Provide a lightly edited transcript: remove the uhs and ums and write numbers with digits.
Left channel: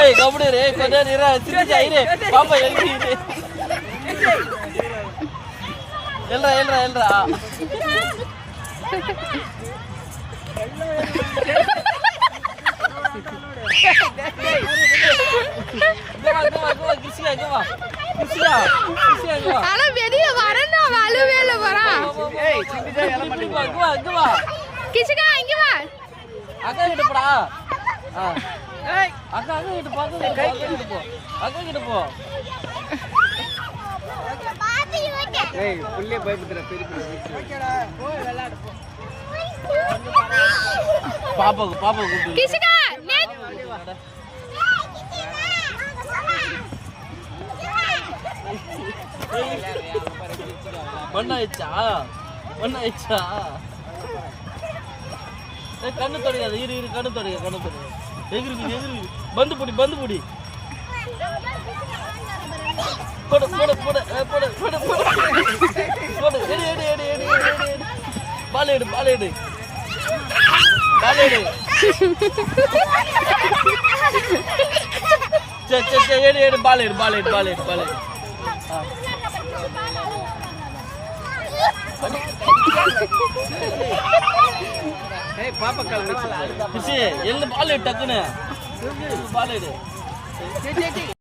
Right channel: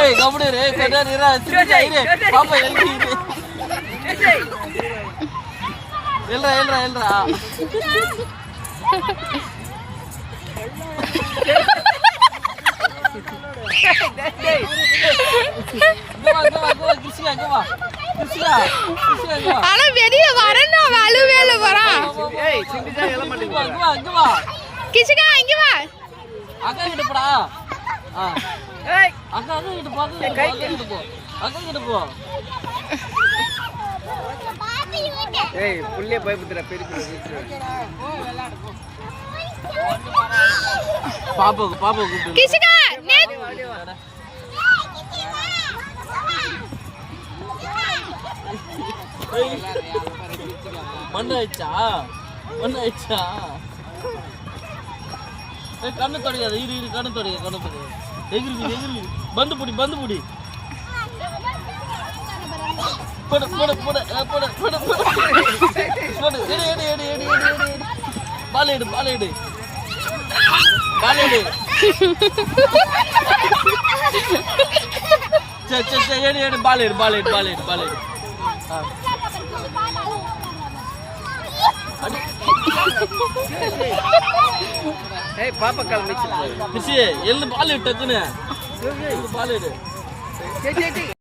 ஏய் கபடி ரே பெடர் இரா திரு பாப்பா எழுதி எல்ரா எல்ரா எல்ரா ஆனா வெளிய வரணும் வலுவேல வரா ஏய் சிண்டிஜா எல மாட்டீங்க அங்க வா கிஷிகா இங்க வா அக்கா கிட்ட போடா ஏய் அக்கா கிட்ட பாத்து கை கிட்ட போ அக்கா கிட்ட போ ஏய் புள்ளிய பயப்படுற பெரிய போ விளையாடு பாப்பா கூப்பிடு கிஷிகா நெட் மண்ணாயிச்சா கண்ணு தொடையாது இரு கண்ணு தொடைய எகிரி பந்து புடி போடு எடு பால் எடு எடு பால் எடு ஏய் பாப்பா கால் மிச்சி எள்ளு பால் எடு டக்குன்னு பால் எடு